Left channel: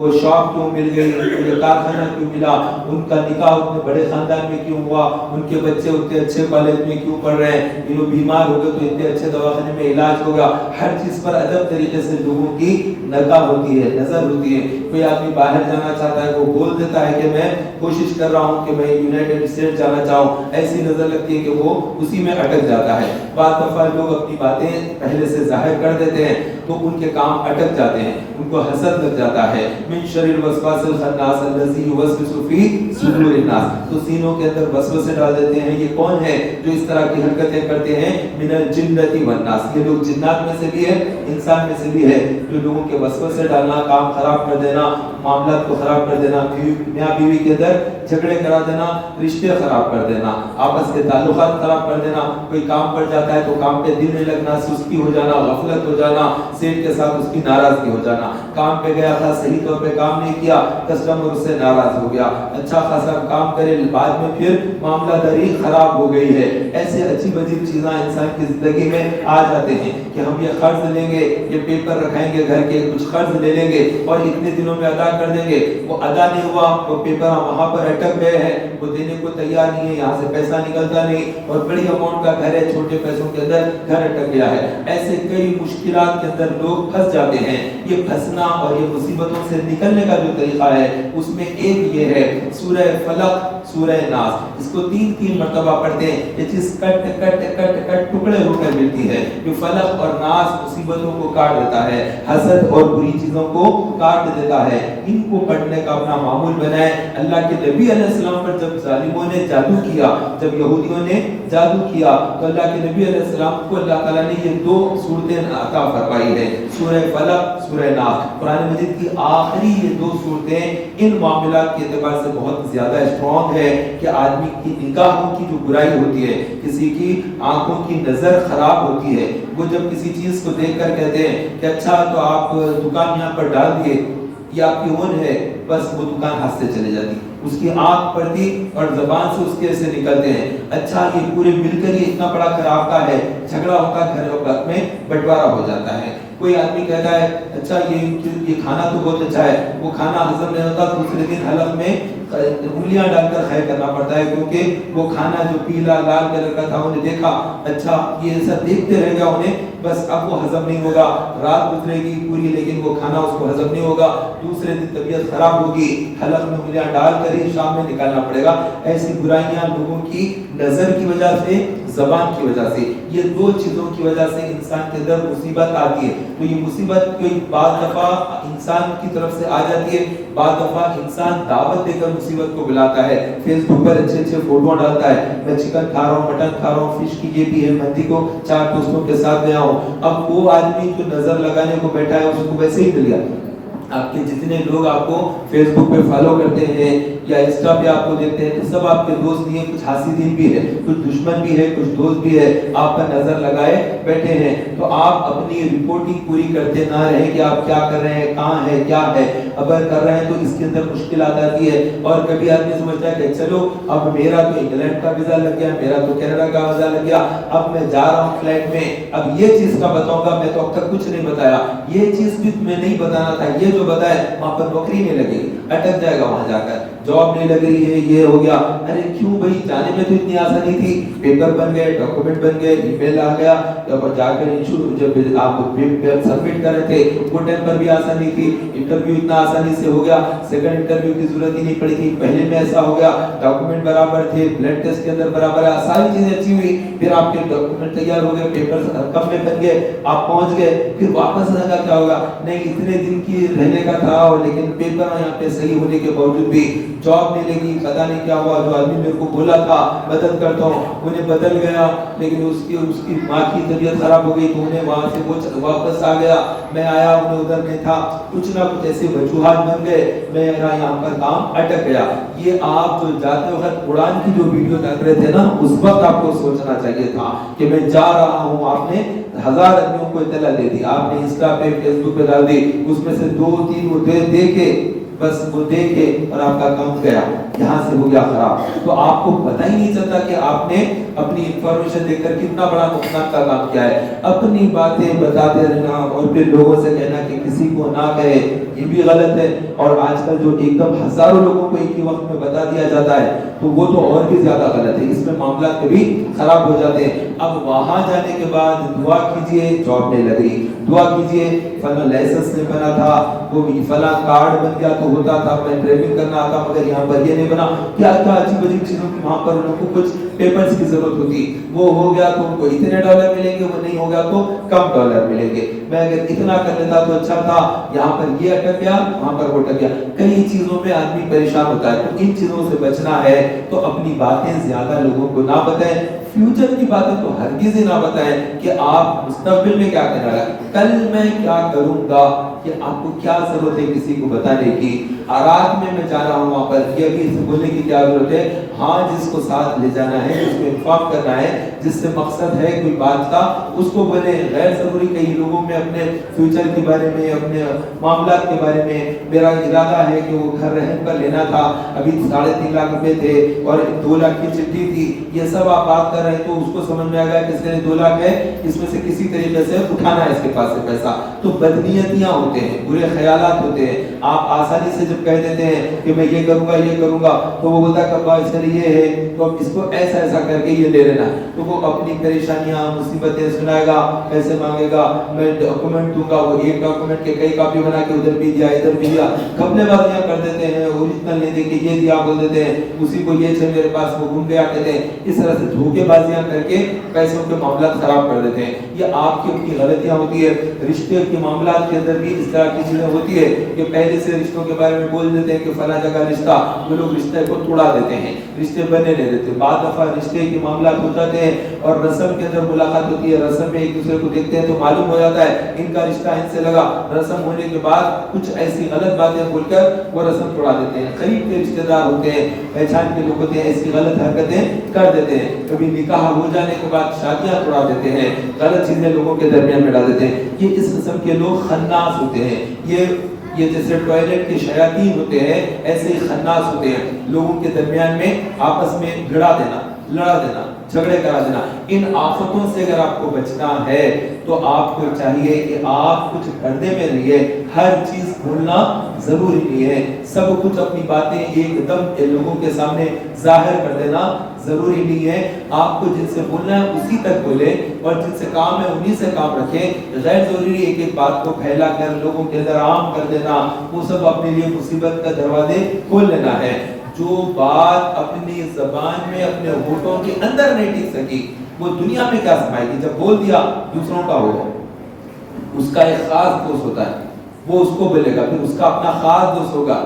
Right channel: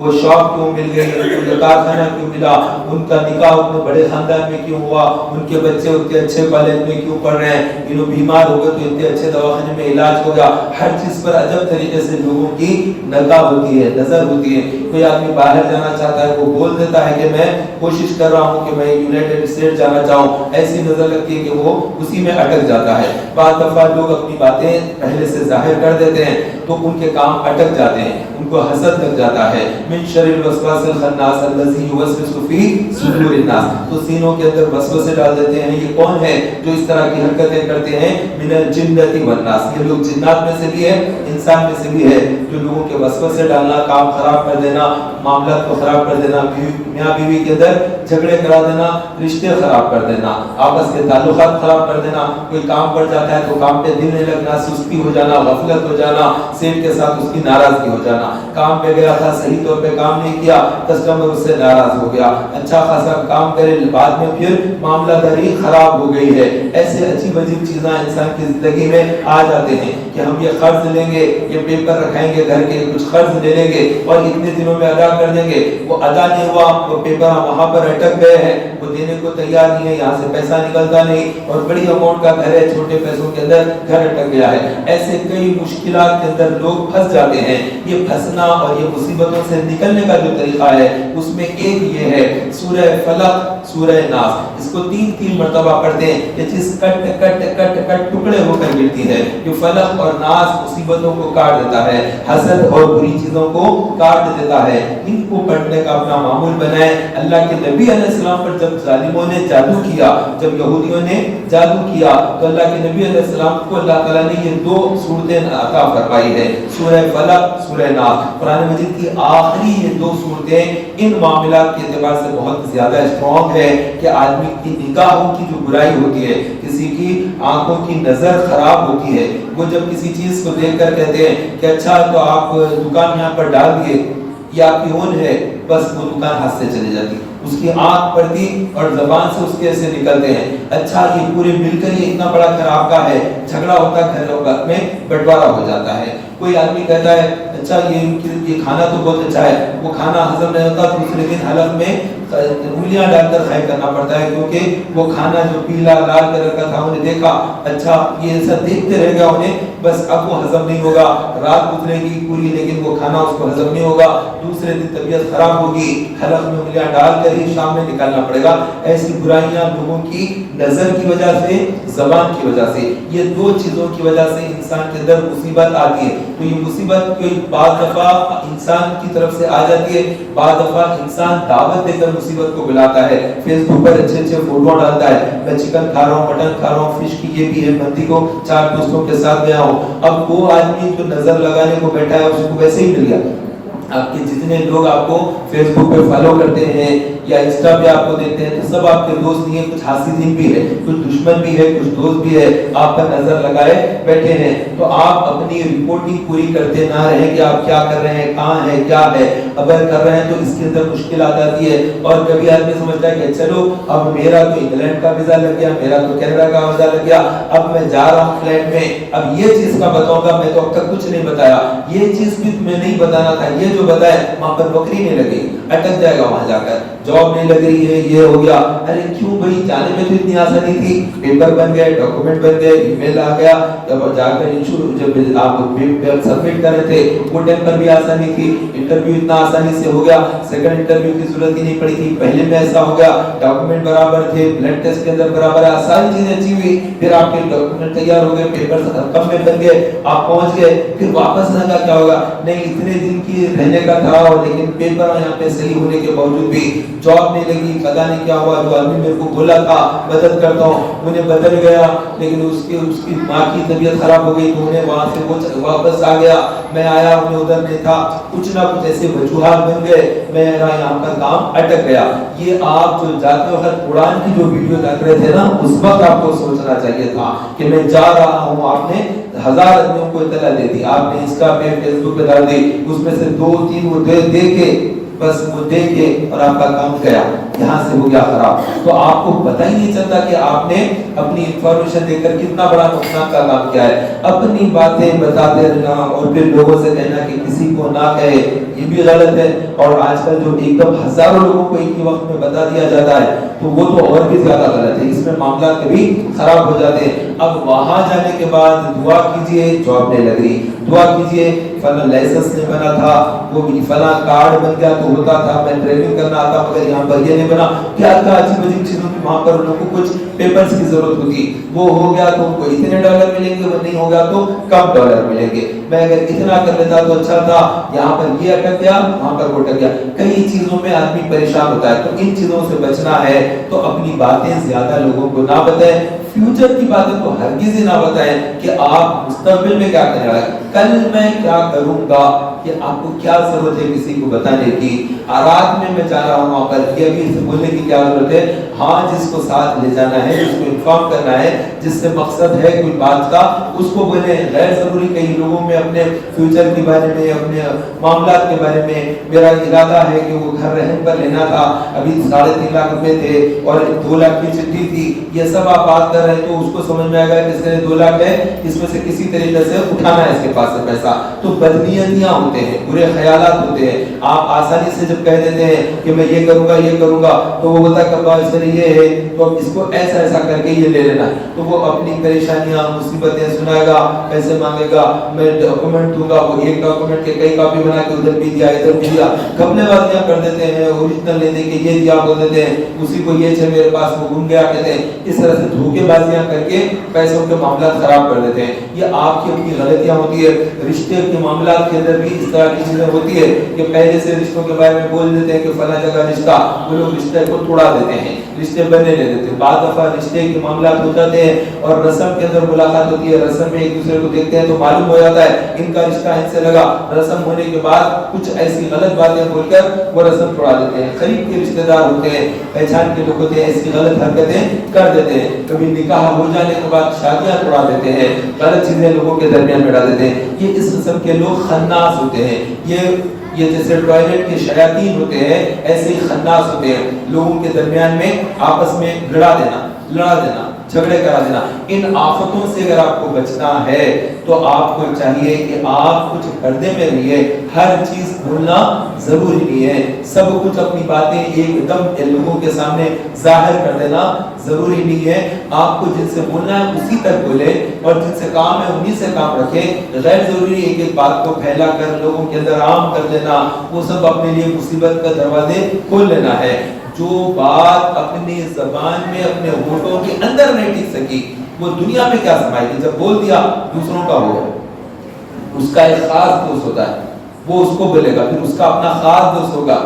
وہ شاپ کیوں مل گئی، ان کو یہ کارخانہ کیوں ملا، ان کا نکاح اتنے بڑے خاندان میں کیوں ہوا، ان کے بچے اتنے اچھے کالج میں کیوں پڑھ رہے ہیں، انہوں بیمار ہو گئے تو اتنے اچھے دواخانے میں علاج ہو گیا. ہر چیز پر عجب طریقے سے لوگوں کی نگاہ ہوتی ہے، نظر ہوتی ہے. کوئی آدمی باہر جانا چاہتا ہے، وہ بول دیتا ہے کہ میں کوشش کر رہا ہوں کہ میں یونائیٹڈ اسٹیٹ جانا چاہوں، ایسی نظر لگتی ہے کہ وہ اسی میں اٹک جاتا ہے. بعض دفعہ لوگ اپنی باتیں پہلے سے ظاہر کر دیتے ہیں تو ان کے کام اٹک جاتے ہیں، ان کو حسد لگ جاتا ہے. من شر الوسواس الخناس الذی یوسوس فی صدور الناس. تو سینوں کے اندر وسوسے ڈال دیتے ہیں. یہ کون ہے جو اس طرح کی حرکتیں کرتے ہیں؟ من الجنۃ والناس. یہ لوگ جنات میں سے بھی ہے، انسان میں سے بھی ہے، جو لوگوں کے وسوسے ڈالنا، کام خراب کر دینا، معاملات کو خراب کر دینا، میاں بیوی کے اندر جھگڑے کرا دینا، رشتے خراب کر دینا، آپس کے تعلقات خراب کر دینا. کوئی کام کر جاتا ہے تو کام پہ دل نہیں لگنا، سستی ہو جانا، غفلت ہو جانا، سیٹ کے ساتھ اس کی ناراضگی ہو جانا. کام پہ گیا تھا، صحیح طور پہ کام نہیں کیا، کسٹمر اس سے ناراض ہو گیا. اچھا خاصا کام کرے، بعد میں پھر معاملہ داری خراب ہو گئی ہے. ایسے عجیب عجیب چیزاں انسان کی زندگی میں آ جاتے ہیں کہ ہم یہ قرض لیں گے، یہ پیپر رکھائیں گے گھر کے، کچھ قرض لے لیں گے اور اتنے دنوں میں ادا کر دیں گے. وہ ادا نہیں ہوا، وہ پیپر وہاں پر اٹک گئے ہیں، وہ دینے کو تیار نہیں ہے، یہاں سے پیسہ نکلتا نہیں، اور بڑی اماؤنٹ کا گھر ہے، چھوٹے پیسوں کے اندر گھر اٹک گیا ہے. ایسے کئی مشکلات کے اندر لوگ پھنس جاتے ہیں. یہ پھنسنا اور یہ مصیبتوں سے نکلنے کا جو طریقہ ہے اس میں ایک یہ ہے سورہ فلق، سورہ ناس. اس کو تین مرتبہ پڑھتے ہیں. یہ چیز کٹ کٹ کٹ کٹ ٹکڑے ہو کر گرتی ہے. جو فلق اور ناس مصیبتوں کو کاٹ دیتا ہے، حسد اور بری چیزوں کو کاٹ دیتا ہے. ان کو پڑھنے کا اپنا معمول بنائیں. اللہ کے نبی علیہ السلام پر جب ظالموں نے جادو کیا، جب یہودیوں نے جادو کیا، تو اللہ کے نبی علیہ السلام کو اللہ تعالیٰ نے یہ دو صورتیں عطا فرمائی ہے، سورہ فلق، سورہ ناس. قرآن مجید کی آخری یہ دو صورتیں ان معاملات کے اعتبار سے بہت زیادہ اسٹرانگ ہے کہ آدمی کی نگاہوں کی جو برائی ہوتی ہے، کسی کی آنکھوں کی نظر خراب ہوتی ہے، وہ جب کسی چیز کو دیکھ کر کہتے ہیں کہ اچھا تو آپ دکان یہاں پر ڈال دیے، یہ آپ کی اون ہے، بس وہ دکان ہاتھ سے چلے جاتی. اس کی آنکھ پڑتی اور زبان سے اس کے ایسے نکلتے ہیں. اچھا یہ پورے مل کر یہ اتنا بڑا خراب کا ہے، جھگڑا ہوتا گھر میں بٹوارا ہو جاتا ہے. کوئی آدمی کہتا ہے اچھا یہ کھانا تو بہت اچھا ہے، وہ کھانا ہضم نہیں ہوتا، دوسرے دن حلق میں انگلیاں ڈال کر خیر کرنا پڑتا ہے، کیونکہ وہ کھانا جو پیلا لال کلر کا تھا انہیں دیکھا، اچھا یہ ایسا دیکھتے رہ گیا انہیں، بس اب وہ ہضم نہیں ہوگا، رات گزرے گی پوری لیکن وہ کھانا اس کو ہضم نہیں ہوگا، دوسرے دن طبیعت خراب ہوگی، حلق میں انگلیاں ڈال کر ہی شام میں نکالنا پڑے گا. ایسی برائیاں لوگوں کی نظر کی وجہ سے، زبان کی وجہ سے، یہ دو چیزوں کی وجہ سے انسان کے اندر مصیبت آتی ہے. تو یہ مصیبت کوئی بعض دفعہ انسان کی طرف سے آ جاتی ہے، بعض دفعہ انسان دعوت دے کر مصیبت کو بلاتا ہے. فیس بک پر اچھے اچھے فوٹو ڈالتا ہے، میں چکن کھا رہا ہوں، مٹن کھا رہا ہوں، فش کی یہ بھی ہے، مندی کو 4 دوستوں کے ساتھ گیا ہوں. اب وہ آدمی جو نظر لگانے کو بیٹھا ہے اس کو ویسے ہی مل گیا. آپ کے جتنے لوگ آپ کو فیس بک پہ فالو کرتے ہیں یا انسٹا پہ آپ کو دیکھتے ہیں تو سب آپ کے دوست نہیں ہیں، کچھ حاسدین بھی ہے، کچھ دشمن بھی ہے، کچھ دوست بھی ہے، آپ پر نظر لگائے بیٹھے ہیں. تو آپ اپنی رپورٹنگ پوری کرتے نہ رہیں کہ آپ کیا کر رہے ہیں، کہاں ہے، کیا ہے. اگر کر رہے ہیں تو اس کے اندر مشکل آ جاتی ہے. اور کبھی آدمی سمجھتا ہے کہ چلو اب میرا تو انگلینڈ کا ویزا لگ گیا، میرا تو کینیڈا کا ویزا لگ گیا، اب میں جا رہا ہوں فلائٹ میں، اب یہ چیز کا بتاؤں گا، میں تو اب تک کچھ نہیں بتایا، یہ چیز بھی تمہیں نہیں بتانا تھا، یہ جو بتائے وہاں پر نوکری نہیں لگے، اٹک جائے گا وہاں جا کر، جاب نہیں لگ رہی ہے، یہ ہو گیا. ارے کیوں بھائی، جانے میں تو اتنی آسانی تھی، پیپر بن گئے، ڈاکومنٹ بن گئے، ای میل آ گیا، جب جا کر جب آپ سبمٹ کر رہے تھے وہ ٹائم پر بھی آسانی تھی، انٹرویو اتنا آسانی سے ہو گیا، سیکنڈ انٹرویو کی ضرورت ہی نہیں پڑی تھی، پہلے میں ایسا ہو گیا، ڈاکومنٹ برابر تھے، بلڈ ٹیسٹ کے اندر برابر ہے، ساری چیزیں اچھی ہوئی، پھر آپ کے ڈاکومنٹ تیار ہو گئے، پیپر کم میں بن گئے، آپ پہنچ گئے، پھر واپس آنے کا کیا ہوگا؟ نہیں اتنے دن کی رہنے کا تھا، لیکن پیپر یہاں پہ صحیح ہونے کے باوجود بھی جاب نہیں لگی، پتہ نہیں کیا ہوا. جو آدمی میرے کو بولا تھا مدد کرتا ہوں انہیں بدل گیا، لیکن اس کی ماں کی طبیعت خراب ہو گئی تو انہیں وہاں سے وہ واپس آ گیا، میں آیا انہیں ادھر نہیں تھا، کچھ نہ کچھ ایسے وجوہات بن گئے، میرا یہاں پر کام اٹک گیا. یہ آپ جو جاتے وقت اڑان کی جو ویڈیو دیکھ رہے تھے نا، اس وقت آپ کو سوچنا چاہیے تھا کہ میں جا رہا ہوں. آپ نے 1000 آدمیوں کو اطلاع دے دی، آپ نے انسٹا پہ فیس بک پہ ڈال دی، اس میں سے 2-3 وہ دے کے بس وہ دے کے اور آپ کا کام گیا، یہاں سے ہو گیا خراب. تو آپ کو پتہ ہی نہیں چلتا کہ آپ نے اپنی انفارمیشن دے کر کتنا بڑا نقصان کا کام کیا ہے. اپنی باتیں بتاتے رہنا اور پھر لوگوں سے کہنا کہ کسی کو نہ کہے، یہ بھی غلط ہے. اور آج کل جو ایک دم ہزاروں لوگوں کو ایک ہی وقت میں بتا دیا جاتا ہے تو وہ تو اور بھی زیادہ غلط ہے، اس میں معاملات کبھی خراب ہو جاتے ہیں. اب وہاں جانے کے بعد دعا کیجئے جاب نہیں لگ رہی، دعا کیجئے فلاں لائسنس نہیں بنا تھا، وہ بھی فلاں کارڈ بن گیا تو ہوتا تھا، میں ڈرائیونگ کرنا آتا مگر یہاں پر یہ نہیں بنا. کیا کیا عجیب عجیب چیزوں کی وہاں پر لوگوں کو کچھ پیپرز کی ضرورت ہوتی، وہ ہو گیا تو ان کو اتنے ڈالر ملیں گے، وہ نہیں ہوگا تو کم ڈالر ملیں گے. میں اگر اتنا کر لیتا تو اچھا تھا، یہاں پر یہ اٹک گیا وہاں پر وہ اٹک گیا. کئی چیزوں میں آدمی پریشان ہوتا ہے. تو ان چیزوں سے بچنا ہے تو اپنی باتیں زیادہ لوگوں کو نہ بتائیں. فیوچر کی باتیں تو ہرگز ہی نہ بتائیں کہ آپ مستقبل میں کیا کرنے والا ہے، کل میں کیا کروں گا. کہ آپ کو کیا ضرورت ہے کسی کو بتانے کی، رات میں جا رہا ہوں وہاں پر، یہ بھی بولنے کی کیا ضرورت ہے. ہاں جس کو ساتھ لے جانا ہے، جس کو انفارم کرنا ہے، جس سے مقصد ہے کوئی بات کا، اس کو بولے. غیر ضروری کئی لوگوں میں اپنے فیوچر کے بارے میں، اپنے معاملات کے بارے میں، میرا ارادہ ہے کہ وہ گھر رہن پر لینا تھا، ابھی 3.5 لاکھ روپے تھے اور 2 لاکھ کی چٹھی تھی، یہ سب آپ بات کر رہے ہیں تو اس کو سمجھ میں آئے گا کہ اس کے 2 لاکھ ہے، اس میں سے کسی طریقے سے اٹھانا ہے اس کے پاس سے پیسہ. تو بدنیتیاں ہوتے ہیں، برے خیالات ہوتے ہیں. آپ آسانی سے جب کہہ دیتے ہیں کہ میں یہ کروں گا یہ کروں گا تو وہ بتا کہ بات سر یہ ہے تو اب اس کو ایسا ایسا کر کے یہ لے لینا. تو وہ اپنی پریشانیاں مصیبتیں سنائے گا، پیسے مانگے گا، میں ڈاکومنٹ دوں گا، وہ ایک ڈاکومنٹ کے کئی کاپی بنا کے ادھر بھی دیا ادھر بھی دیا، گھپلے بازیاں کر دیتے ہیں. اوریجنل لے دے کے یہ دیا بول دیتے ہیں، اسی کو یہ چھ میرے پاس وہ گم گیا کہتے ہیں. اس طرح سے دھوکے بازیاں کر کے پیسوں کے معاملات خراب کر دیتے ہیں. یہ آپ کی اپنی غلطیاں ہوتی ہے. رشتے کے معاملات کے اندر بھی اس طرح کی چیزیں ہوتی ہے کہ پہلے سے رشتوں کے بارے میں بول دیتے ہیں کہ فلاں جگہ رشتہ، وہ لوگ رشتے کو توڑا دیتے ہیں، رشتے بننے نہیں دیتے. بعض دفعہ رشتے کے معاملات ہو جاتے ہیں اور رسم کے اندر ملاقات ہوتی ہے، رسم میں ایک دوسرے کو دیکھتے ہیں تو معلوم ہو جاتا ہے ان کا رشتہ ان سے لگا. رسم ہونے کے بعد کچھ ایسی غلط باتیں بول کر وہ رسم توڑا دیتے ہیں. قریب کے رشتہ دار ہوتے ہیں، پہچان کے لوگ ہوتے ہیں، ایسی غلط حرکتیں کر دیتے ہیں. کبھی نکاح ہو جانے کے بعد شادیاں توڑا دیتے ہیں، غلط چیزیں لوگوں کے درمیان میں ڈال دیتے ہیں. یہ اس قسم کے لوگ خناس ہوتے ہیں. یہ جیسے ٹوائلٹ کے شیاطین ہوتے ہیں ایسے ہی خناس ہوتے ہیں. لوگوں کے درمیان میں آپس میں گڑا دینا، لڑا دینا، جھگڑے کرا دینا. ان آفتوں سے اگر آپ کو بچنا ہے تو آپ کو چاہیے کہ آپ کچھ پردے میں رہیے. ہر چیز بولنا ضروری نہیں ہے، سب کچھ اپنی باتیں ایک دم لوگوں کے سامنے ظاہر کر دینا ضروری نہیں ہے. آپ کو جن سے بولنا ہے اسی تک بولے اور جن سے کام ہے انہی سے کام رکھیں. غیر ضروری ایک ایک بات کو پھیلا کر لوگوں کے اندر عام کر دینا، وہ سب اپنے لیے مصیبت کا دروازے کھول لینا ہے. جو بات اپنی زبان میں اپنے ہونٹوں کے اندر نہیں ٹک سکی وہ دنیا میں کیا سمائے گی. جب بول دیا دوسروں کا ہوگا، اس کا ایک خاص دوست ہوتا ہے وہ اس کو بولے گا، پھر اس کا اپنا خاص دوست ہوگا.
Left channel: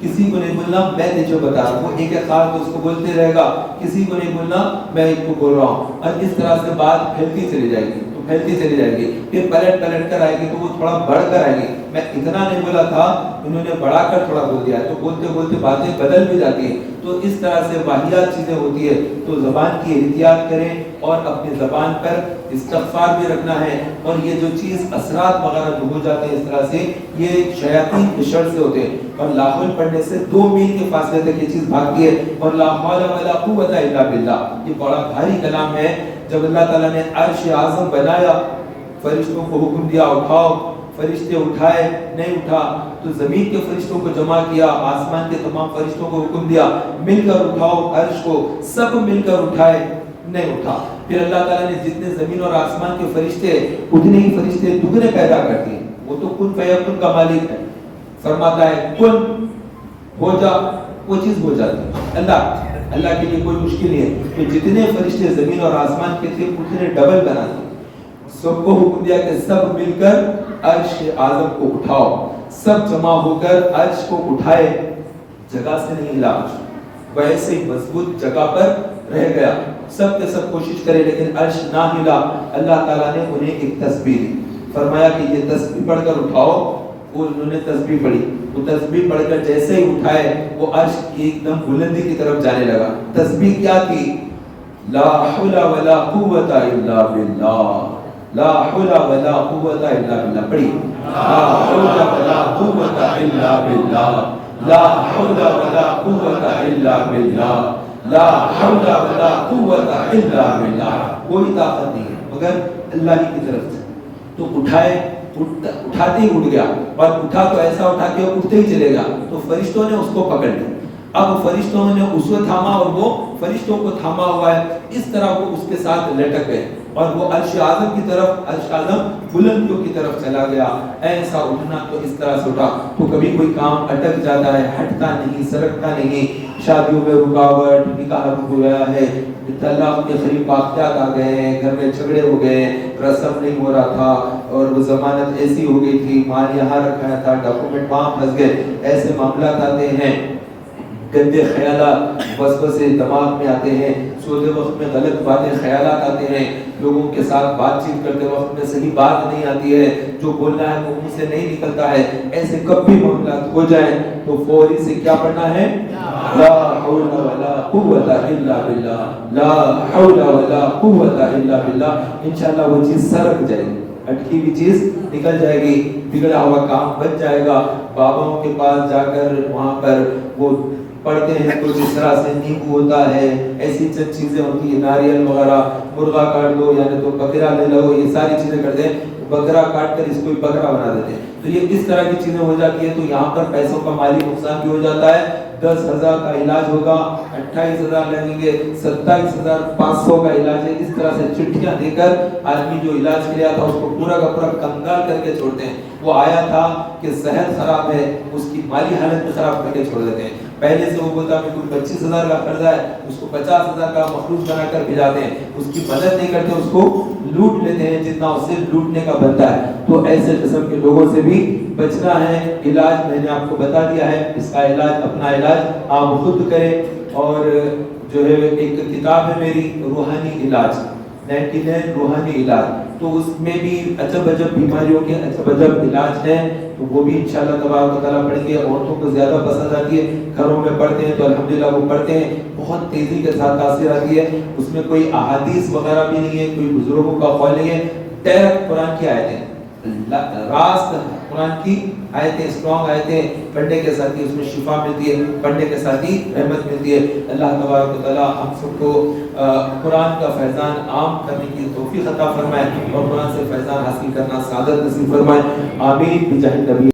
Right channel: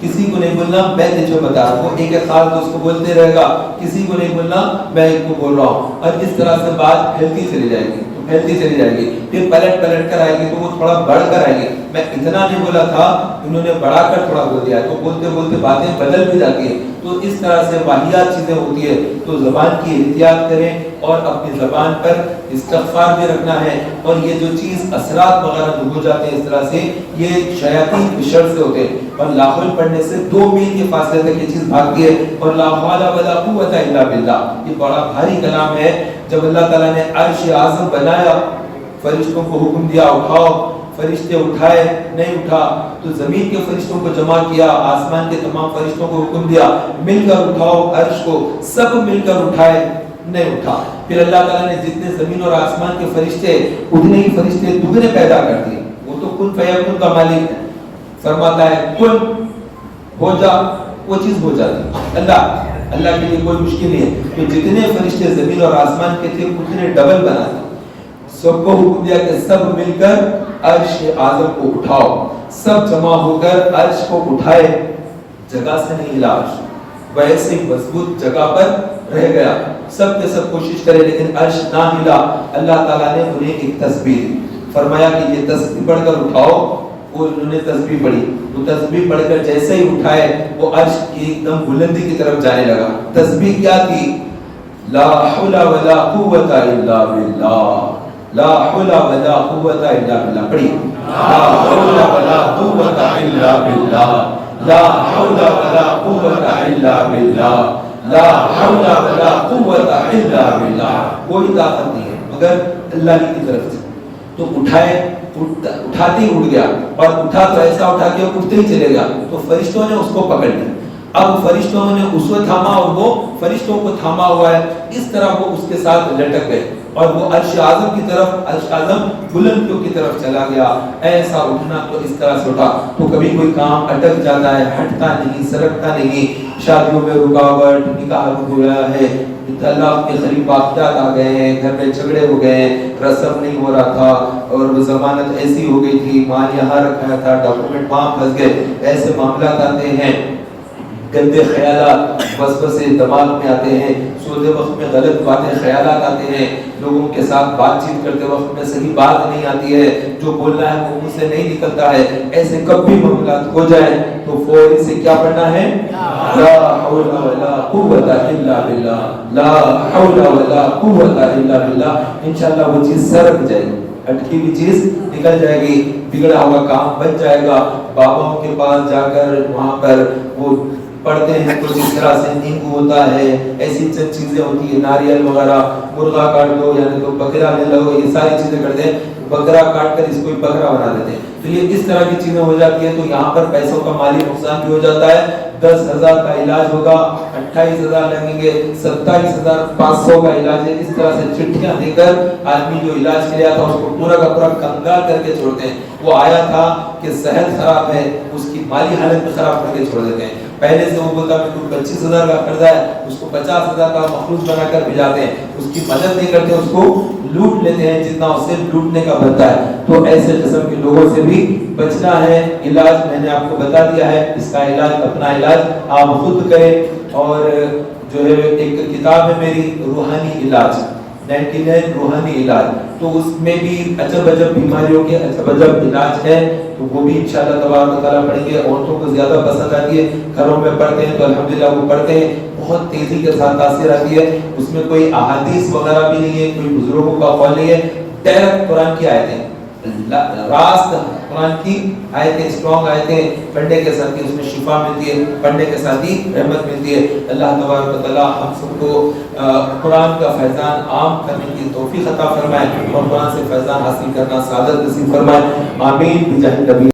کسی کو نہیں بولنا میں تجھے بتا رہا ہوں، وہ ایک خاص دوست کو بولتے رہے گا. کسی کو نہیں بولنا میں ایک کو بول رہا ہوں. اور اس طرح سے بات پھیلتی چلی جائے گی، پھیلتی چلی جائے گی. پھر پلٹ کر آئے گی تو وہ تھوڑا بڑھ کر آئے گی. میں اتنا نہیں بولا تھا، انہوں نے بڑھا کر تھوڑا بول دیا، تو بولتے بولتے باتیں بدل بھی جاتی ہیں. تو اس طرح سے واحیات چیزیں ہوتی ہے. تو زبان کی احتیاط کریں اور اپنی زبان پر استغفار بھی رکھنا ہے. اور یہ جو چیز اثرات وغیرہ جو ہو جاتے ہیں اس طرح سے یہ شیاطین کی شر سے ہوتے ہیں. اور لا حول پڑھنے سے 2 میل کے فاصلے تک یہ چیز بھاگتی ہے. اور لا حول ولا قوت الا باللہ یہ بڑا بھاری کلام ہے. جب اللہ تعالیٰ نے عرش اعظم بنایا، فرشتوں کو حکم دیا اٹھاؤ، فرشتے اٹھائے نہیں اٹھا. تو زمین کے فرشتوں کو جمع کیا، آسمان کے تمام فرشتوں کو حکم دیا مل کر اٹھاؤ عرش کو، سب مل کر اٹھائے نہیں اٹھا. پھر اللہ تعالیٰ نے جتنے زمین اور آسمان کے فرشتے اتنے ہی فرشتے دگنے پیدا کر دیے. وہ تو کن فیکون کا مالک ہے، فرماتا ہے کن ہو جا، وہ چیز ہو جاتی. اللہ کے لیے کوئی مشکل نہیں ہے. تو جتنے فرشتے زمین اور آسمان کے تھے اتنے ڈبل بنا دیے. سب کو حکم دیا کہ سب مل کر عرش اعظم کو اٹھاؤ. سب جمع ہو کر عرش کو اٹھائے، جگہ سے نہیں ہلا عرش، ویسے ہی مضبوط جگہ پر رہ گیا. سب کے سب کوشش کرے لیکن عرش نہ ہلا. اللہ تعالیٰ نے انہیں ایک تسبیح دی، فرمایا کہ یہ تسبیح پڑھ کر اٹھاؤ. وہ انہوں نے تسبیح پڑھی. وہ تسبیح پڑھ کر جیسے ہی اٹھائے وہ عرش کی ایک دم بلندی کی طرف جانے لگا. تسبیح کیا تھی؟ لا حول ولا قوت الا باللہ. لا حول ولا قوت الا باللہ. پڑھیے لا حول ولا قوت الا باللہ. لا حول ولا قوت الا باللہ. لا حول ولا قوت الا باللہ. کوئی طاقت نہیں ہے مگر اللہ کی طرف سے. تو اٹھاتے ہی اٹھ گیا, اور اٹھا تو ایسا اٹھا کہ اٹھتے ہی چلے گا. تو فرشتوں نے اس کو پکڑ لیا. اب فرشتوں نے اس کو تھاما اور وہ فرشتوں کو تھاما ہوا ہے. اس طرح وہ اس کے ساتھ لٹک گئے اور وہ عرش اعظم کی طرف, عرش اعظم بلندیوں کی طرف چلا گیا. ایسا اٹھنا تو اس طرح سے اٹھا. تو کبھی کوئی کام اٹک جاتا ہے, ہٹتا نہیں, سرکتا نہیں. شادیوں میں رکاوٹ, نکاح رک گیا ہے, طلاق کے قریب واقعات آ گئے ہیں, گھر میں جھگڑے ہو گئے, رسم نہیں ہو رہا تھا, اور وہ ضمانت ایسی ہو گئی تھی, مال یہاں رکھا تھا, ڈاکومنٹ وہاں پھنس گئے. ایسے معاملات آتے ہیں. گندے خیالات وسوسے دماغ میں آتے ہیں. سوتے وقت میں غلط باتیں, خیالات آتے ہیں. لوگوں کے ساتھ بات چیت کرتے وقت میں صحیح بات نہیں آتی ہے, جو بولنا ہے وہ منہ سے نہیں نکلتا ہے. ایسے کب بھی معاملات ہو جائیں تو فوری سے کیا پڑھنا ہے؟ لا حول ولا قوت الا باللہ. لا حول ولا قوت الا باللہ. انشاءاللہ وہ چیز سرک جائے گی, اٹکی ہوئی چیز نکل جائے گی, بگڑا ہوا کام بچ جائے گا. باباؤں کے پاس جا کر وہاں پر وہ پڑھتے ہیں کچھ اس طرح سے, نیمبو ہوتا ہے, ایسی چند چیزیں ہوتی ہیں, ناریل وغیرہ, مرغا کاٹ دو یعنی تو بکرا لے لو, یہ ساری چیزیں کرتے ہیں. بکرا کاٹ کر اس کو بکرا بنا دیتے ہیں. تو یہ اس طرح کی چیزیں ہو جاتی ہیں. تو یہاں پر پیسوں کا مالی نقصان بھی ہو جاتا ہے. 10,000 کا علاج ہوگا, 28,000 لگیں گے, 27,500 کا علاج ہے. اس طرح سے چٹھیاں دے کر آدمی جو علاج کیا تھا اس کو پورا کا پورا کنگال کر کے چھوڑتے ہیں. وہ آیا تھا کہ صحت خراب ہے, اس کی مالی حالت بھی خراب کر کے چھوڑ دیتے ہیں. پہلے سے وہ بولتا ہے کہ 25,000 کا قرضہ ہے, اس کو 50,000 کا مخلوط بنا کر بھیجاتے ہیں. اس کی مدد نہیں کرتے, اس کو لوٹ لیتے ہیں جتنا اسے لوٹنے کا بنتا ہے. تو ایسے قسم کے لوگوں سے بھی بچنا ہے. علاج میں نے آپ کو بتا دیا ہے, اس کا علاج, اپنا علاج آپ خود کریں. اور جو ہے ایک کتاب ہے میری, روحانی علاج, 99 روحانی علاج. تو اس میں بھی عجب عجب بیماریوں کے عجب عجب علاج ہے. تو وہ بھی انشاءاللہ تبارک و تعالیٰ پڑھیں گے. عورتوں کو زیادہ پسند آتی ہے, گھروں میں پڑھتے ہیں تو الحمدللہ وہ پڑھتے ہیں, بہت تیزی کے ساتھ تاثیر آتی ہے. اس میں کوئی احادیث وغیرہ بھی نہیں ہے, کوئی بزرگوں کا قول نہیں ہے, ڈائریکٹ قرآن کی آیتیں, راست قرآن کی آیتیں, اسٹرانگ آیتیں پڑھنے کے ساتھ ہی اس میں شفا ملتی ہے, پڑھنے کے ساتھ ہی رحمت ملتی ہے. اللہ تبارک و تعالیٰ ہم سب کو قرآن کا فیضان عام کرنے کی توفیق عطا فرمائے, اور قرآن سے فیضان حاصل کرنا سعادت نصیب فرمائے. آمین بجاہ نبی.